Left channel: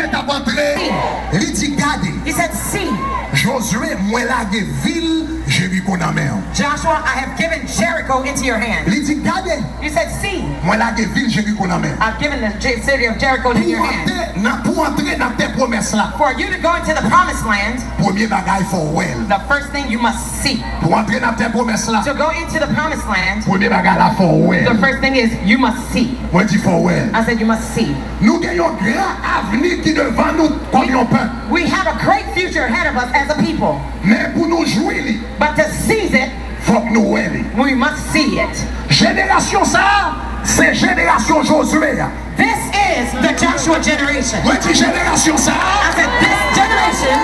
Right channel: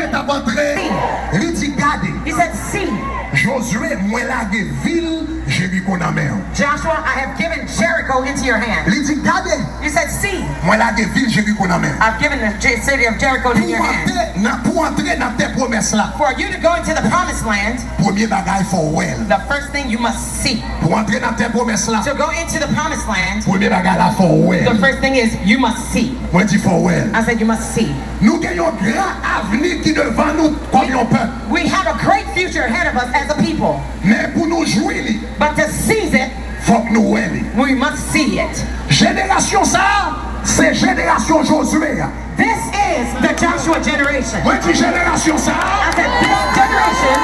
Josué t'a entré. Il dit gardez. He said, see. Josué, moi la ville, Jéricho dans mer. Joshua, I have given Jericho into your hand. Il dit gardez. He said, see. Moi la ville, Jéricho dans mer. I've given the city of Jericho into your hand. Pour entrer dans tes promesses là. For you to go into the promised land, Premier bagage faut well. the first thing you must see. Pour entrer dans tes promesses là. To go into the promised land, Premier bagage là faut well. the first thing is you must see. Moi dis faut well. I said you must see. Nous gagnons un grand avenir qui devant nous comme un peuple. We have a great future ahead of us as a people. Mais pour nous jouer, But to seize it, faut que nous well. we must see it. Génération ça, c'est génération Josué. This is the Joshua generation. Moi dis génération ça. I said this generation.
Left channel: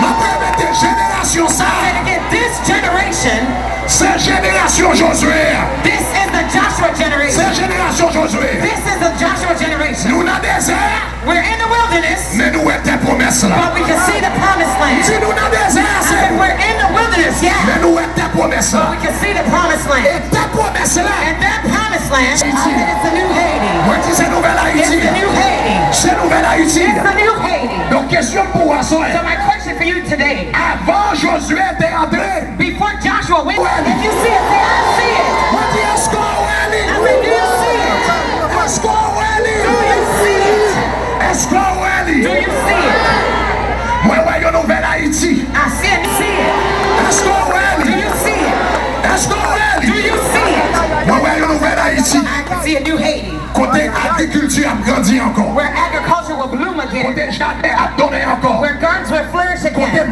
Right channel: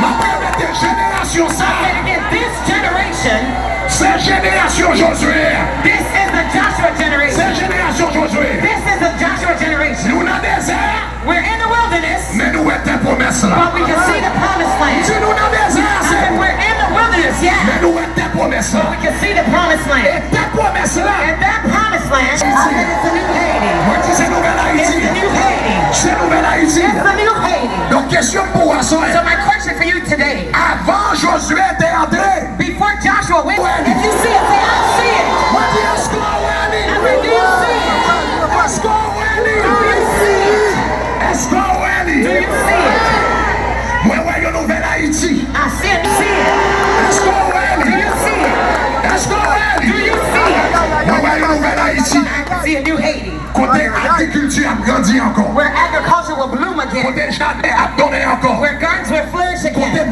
Ma première génération ça. And again, this generation. C'est génération Josué. This is the Joshua C'est generation. génération Josué. This is the Joshua generation. Nous dans le désert. We're in the wilderness, Mais nous étions promesses là. but we can see the promised land. Si nous dans le désert, I said c'est. we're in the wilderness, yeah, Mais nous étions promesses là. but we can see the promised land. Et tes promesses là. And that promised land, I said it's the new Haiti. Moi dis c'est nouvelle It's Haïti. the new Haiti. C'est nouvelle Haïti. It's the new Haiti. Donc question pour toi, So my question for you today, avant Josué était entré. before Joshua went, if you see it, say I see it. Moi dis est-ce qu'on I said, do you see it? Est-ce qu'on Do you see it? Est-ce qu'on Do you see it? Moi ouais une nouvelle Haïti. I said, see it. Est-ce qu'on Do you see it? Est-ce qu'on Do you see it? Moi ouais une nouvelle Haïti. I can see a new Haiti, Côté agriculture a grandi encore. where agriculture will bloom again, Côté jardin a donné encore. where gardens will flourish again. Côté